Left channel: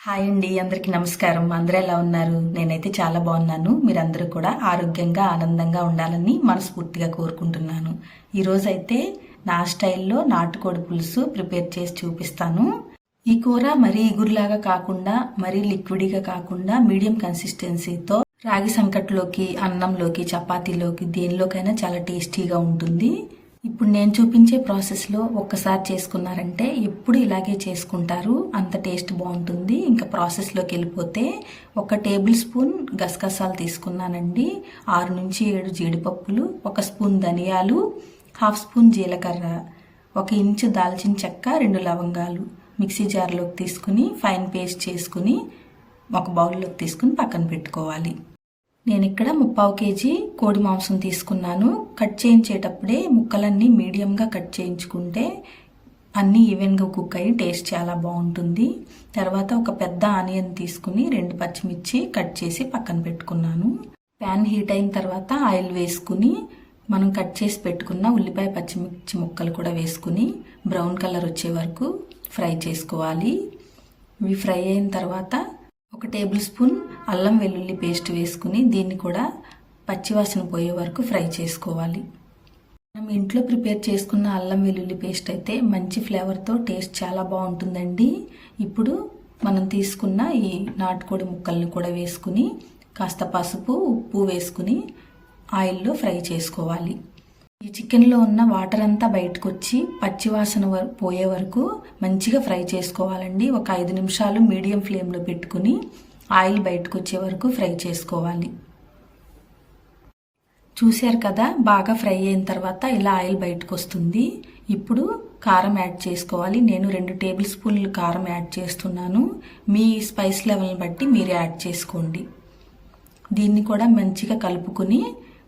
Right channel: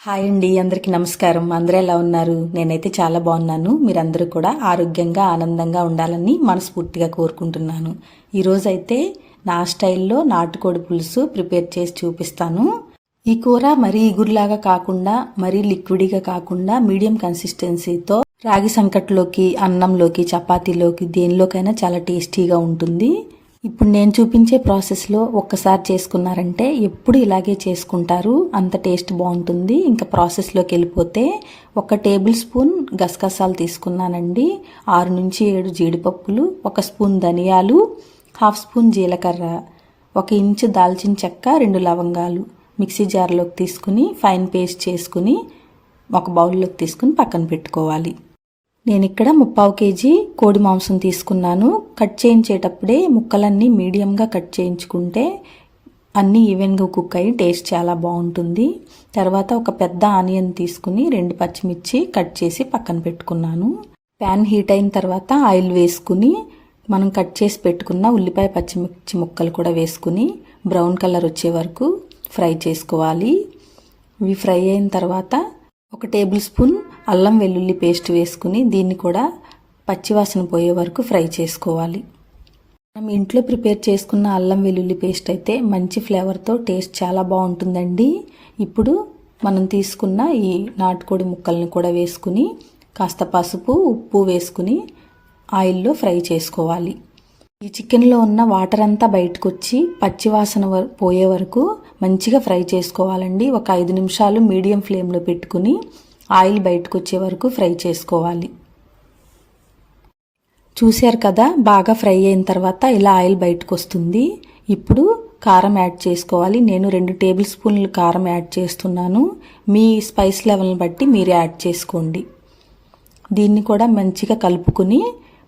Hi అండి అందరికీ నమస్కారం. అందరూ ఎలా ఉన్నారు? నేనైతే చాలా బాగున్నాను. మీరందరూ కూడా ఆరోగ్యంగా ఆనందంగా ఉండాలని మనస్ఫూర్తిగా కోరుకుంటున్నాను. ఈరోజు అయితే నా స్టైల్లో నాటుకోడి పులుసు ప్రిపేర్ చేసి చూపిస్తాను. ఈ కూర మరీ ఇగురులాగా కాకుండా మరీ లిక్విడ్గా కాకుండా మీడియం కన్సిస్టెన్సీతో రాగి సంకట్లోకి అన్నంలోకి చపాతీలోకి దేనిలోకైనా చాలా టేస్టీగా ఉంటుంది. ఇప్పుడు నేను చూపించే ప్రాసెస్లో ఒక్కసారి చేసుకున్నారంటే ఎప్పుడు ఇలాగే చేసుకుంటారు. అంత టేస్ట్ బాగుంటుంది. ఇంకా ప్రాసెస్లోకి వెళ్ళిపోతే ఒక టేబుల్ స్పూన్ గసగసాలు తీసుకున్నానండి. ఆరు నుంచి ఏడు జీడిపప్పులు ఒక స్పూన్ ధనియాలు హాఫ్ స్పూన్ జీలకర్ర ఒక ఇంచు దాల్చిన చెక్క రెండు లవంగాలు మిక్సీ జార్లోకి తీసుకుని ఫైన్ పేస్ట్ చేసుకుని ఒక బౌల్లోకి తీసుకుని పక్కన పెట్టుకోవాలి. నేను ఇక్కడ ముప్పావు కేజీ కోడి మాంసం తీసుకున్నాను. కట్ చేయించేటప్పుడే ముక్కలన్నీ మీడియంగా కట్ చేయించుకుంటే అన్నీ ఈవెన్గా కుక్ అయ్యి టేస్ట్ చాలా బాగుంటుంది. తర్వాత ఒక పెద్ద ఆనియన్ తీసుకుని రెండు పచ్చిమిర్చి కట్ చేసి పక్కన పెట్టుకున్నాను. ప్యాన్ హీట్ అయిన తర్వాత ఆయిల్ వేసుకుని మనం కట్ చేసి పెట్టుకున్న ఉల్లిపాయ పచ్చిమిర్చి ముక్కలు కూడా వేసుకుని బ్రౌన్ కలర్ వచ్చే వరకు ఫ్రై చేసుకోవాలి. ఇవి ఫ్రై అయిన తర్వాత ఒక టేబుల్ స్పూన్ అల్లం వెల్లుల్లి పేస్ట్ వేసుకుని దీన్ని కూడా పచ్చివాసన పోయే వరకు ఫ్రై చేసుకోవాలి. మనం ఇంట్లో ప్రిపేర్ చేసుకున్న అల్లం వెల్లుల్లి పేస్ట్ అయితే మంచి ఫ్లేవర్తో టేస్ట్ చాలా బాగుంటుందండి. ఇప్పుడు మనం తీసుకున్న ఈ నాటుకోడి ముక్కల్ని కూడా వేసుకుని కాస్త పసుపు ఉప్పు వేసుకుని ఆయిల్లో ఫ్రై చేసుకోవాలి. ఈ చికెన్లో ఉన్న వాటర్ అంతా బయటకు వచ్చి పచ్చివాసన పోయే వరకు మంచిగా ఫ్రై చేసుకోవాలండి. ఒక ఐదు నిమిషాలు మీడియం ఫ్లేమ్లో పెట్టుకుని ఆయిల్ బయటకు వచ్చే వరకు ఫ్రై చేసుకోవాలి. చూశారు కదా బాగా ఫ్రై అయిన తర్వాత ఇలా ఆయిల్ బయటకు వస్తుంది ఇప్పుడు కారం యాడ్ చేసుకోవాలి. నేను రెండు టేబుల్ స్పూన్లు కారం యాడ్ చేస్తున్నాను. మీ స్పైస్ లెవెల్ని బట్టి మీరు యాడ్ చేసుకోండి. దీన్ని కూడా మంచిగా కలుపుకుని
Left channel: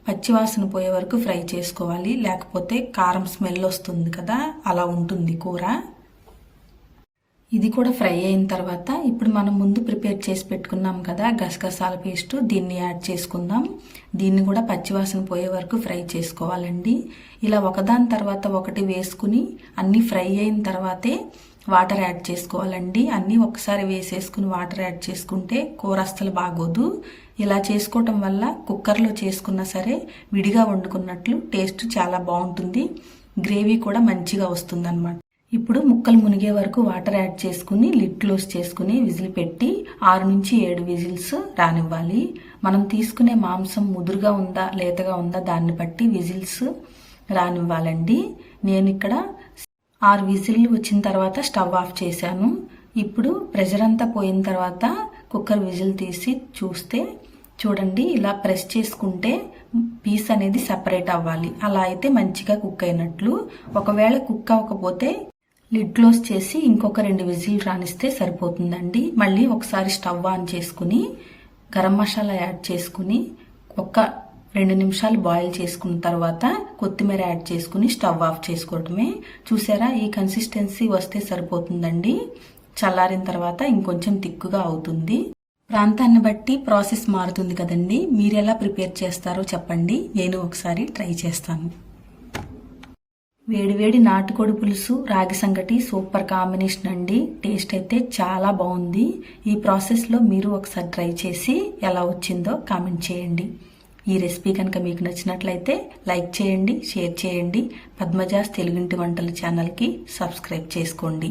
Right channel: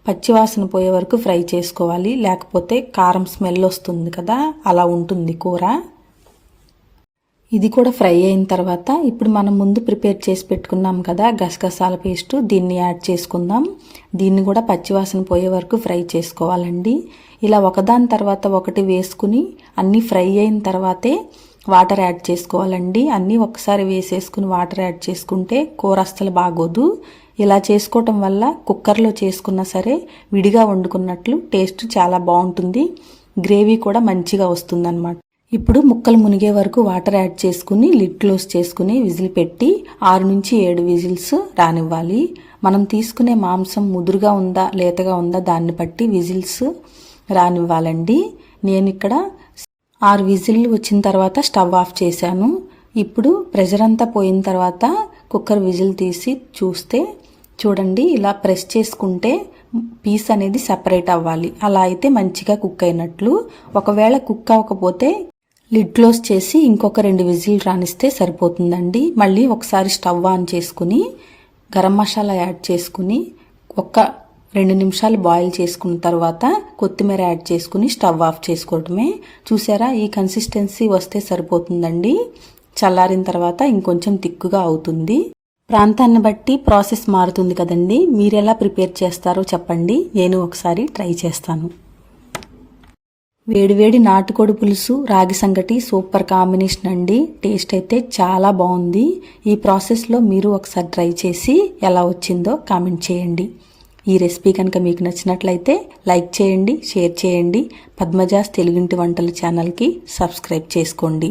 పచ్చివాసన పోయే వరకు ఫ్రై చేసుకోవాలి. లేకపోతే కారం స్మెల్ వస్తుంది కదా అలా ఉంటుంది కూర. ఇది కూడా ఫ్రై అయిన తర్వాత ఇప్పుడు మనం ముందు ప్రిపేర్ చేసి పెట్టుకున్నాం కదా గసగసాల పేస్ట్. దీన్ని యాడ్ చేసుకుందాం. దీన్ని కూడా పచ్చివాసన పోయే వరకు ఫ్రై చేసుకోవాలండి. ఇలా ఒకదాని తర్వాత ఒకటి వేసుకుని అన్నీ ఫ్రై అయిన తర్వాతే వాటర్ యాడ్ చేసుకోవాలండి. అన్నీ ఒకసారి వేసేసుకుని వాటర్ యాడ్ చేసుకుంటే కూర అస్సలు బాగోదు. ఇలా చేసుకోవటం వల్ల కుక్కర్లో చేసుకున్నా సరే విడిగా వండుకున్నట్లు టేస్ట్ చాలా బాగుంటుంది. గ్రేవీ కూడా మంచిగా వస్తుందన్నమాట. ఇప్పుడు ముక్కలు మునిగే వరకు వాటర్ యాడ్ చేసుకుని లిడ్ క్లోజ్ చేసుకుని విజిల్ పెట్టి ఆరు నుంచి ఏడు విజిల్స్ రానివ్వాలి. మనం తీసుకునే మాంసం ముదురుగా ఉందా లేతగా ఉందా దాన్ని బట్టి విజిల్స్ రానివ్వాలండి. నేను ఇక్కడ ఆరు విజిల్ వచ్చిన తర్వాత స్టవ్ ఆఫ్ చేశాను. ఇప్పుడు ప్రెషర్ అంతా పోయిన తర్వాత కుక్కర్ విజిల్ తీసి చూస్తే చూడండి ఇలా ప్రెస్ చేసుకుంటే పీస్ అనేది సపరేట్ అవ్వాలి. అలా అయితే మంచిగా కుక్ అయినట్లు. ఒకవేళ కుక్ అవ్వకపోతే లిడ్ క్లోజ్ చేసి ఇంకొక రెండు విజిల్ రానిస్తే సరిపోతుందండి. మళ్ళీ ఒకసారి స్టవ్ ఆన్ చేసుకుని గరం మసాలా యాడ్ చేసుకుని ఒక్క రెండు నిమిషాలు బాయిల్ చేసుకున్న తర్వాత కొత్తిమీర యాడ్ చేసుకుని స్టవ్ ఆఫ్ చేసుకోవటమే. చూసారా? ఈ కన్సిస్టెన్సీ వస్తే సరిపోతుందండి. చల్లారిన తర్వాత ఇంకొంచెం తిక్కుగా అవుతుంది. ప్రాంతాన్ని బట్టి ప్రాసెస్ మారుతుంది కదండి. మీరు ఎలా ప్రిపేర్ చేస్తారో చెప్పండి. నేను ఒకసారి ట్రై చేస్తాను. వేడివేడి నాటుకోడి పులుసు రాగి సంగటి సూపర్ కాంబినేషన్ అండి. టేస్ట్ అయితే చాలా బాగుంది. ఈ ప్రాసెస్లో మీరు ఒకసారి ట్రై చేసి ఎలా వచ్చిందో కామెంట్ చేయండి. ఈ రెసిపీ కనుక మీకు నచ్చినట్లయితే లైక్ చేయండి షేర్ చేయండి. పద్మజాస్ తెలుగింటి వంటల ఛానల్కి సబ్స్క్రైబ్ చేసుకోండి.